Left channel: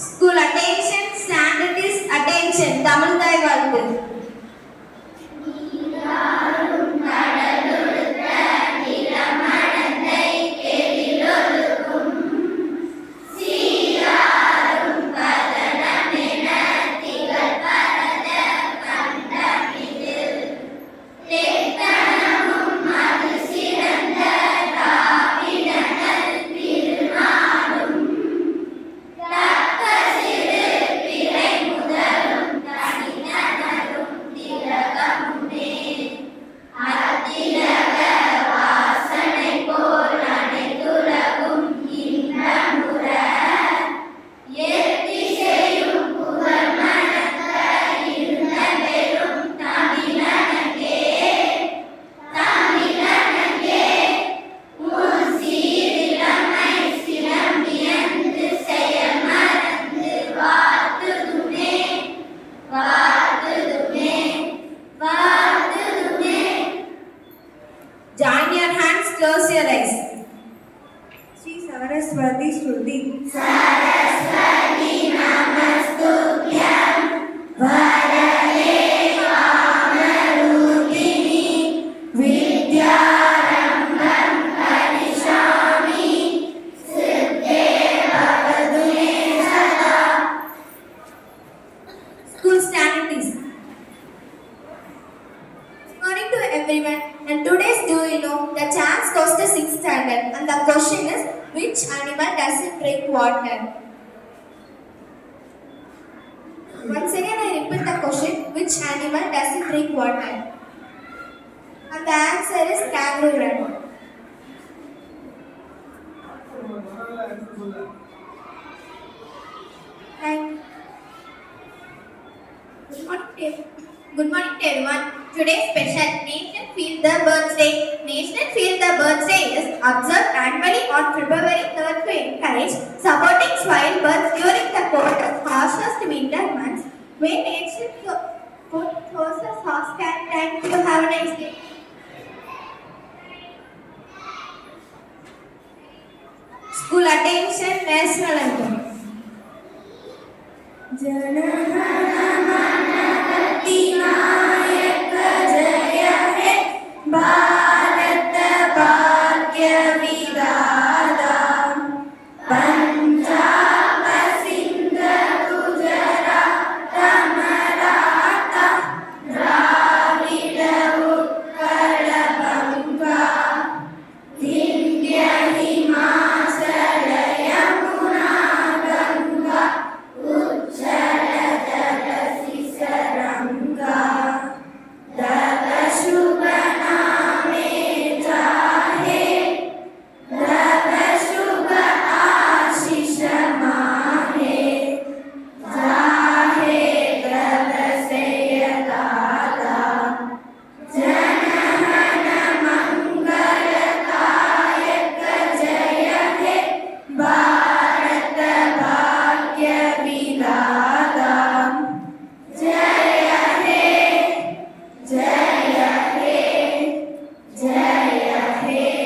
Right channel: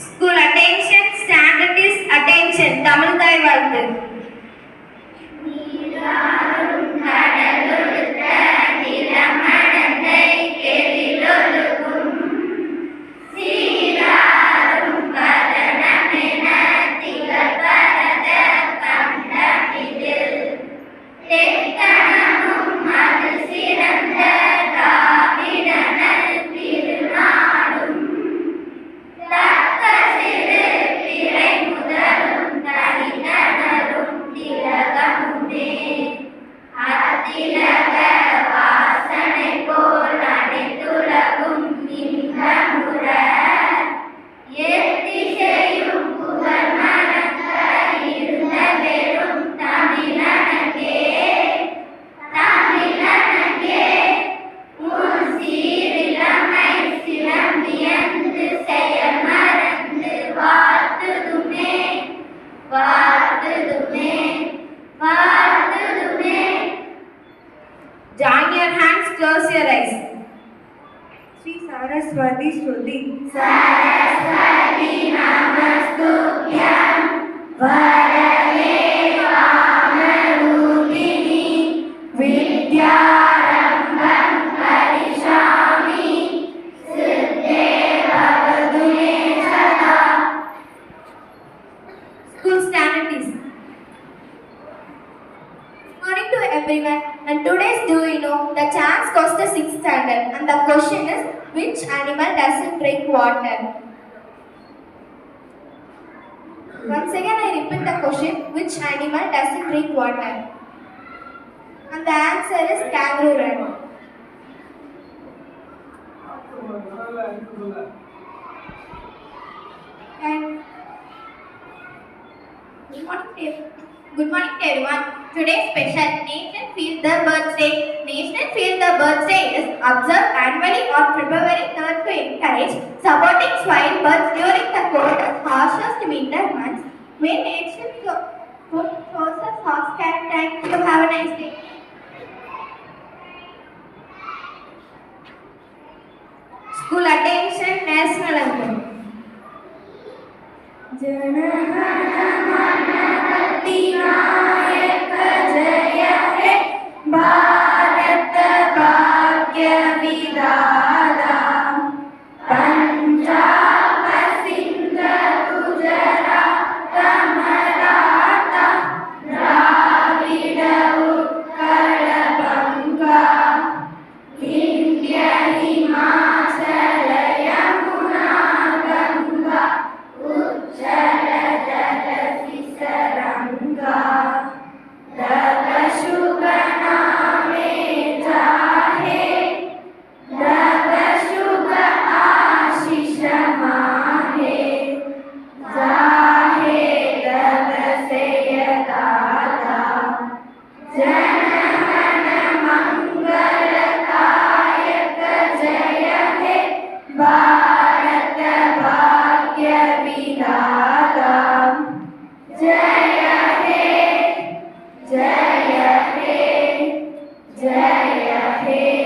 School attention, standard is attention. Tamil Thai வாழ்த்து. Join your hands, close your eyes. Sri Saraswati Shruti. Saraswati Namastutyam Varade Kamarupini Vidyarambam Karishami Siddhe Bhavatu Me Sada. School standards. Morning to everyone, and today's do you know the chance goes to 6th standard, and the question is which animal doesn't drink water? Once again I repeat the question, which animal doesn't drink water? And the answer is kangaroo rat. And good morning to everyone. Today's special Nation Feel the Birds Day. National Feel the Birds Day is observed annually on February 3rd to encourage supporting wild birds during the cold and harshest winter months. May nature put closer soft can. Thank you. Have a nice day. School attention, national anthem. Bharat भाग्य विधाता पंजाब सिंध गुजरात मराठा द्राविड़ उत्कल बंगा विंध्य हिमाचल यमुना गंगा उज्जल जलधि सरंगा तव शुभ नामे जाहे तव शुभ आशीष माहे जाहे तव सेय दाता जनमन मंगलदायक जय हे भारत भाग्य विधाता जय हे जय हे जय हे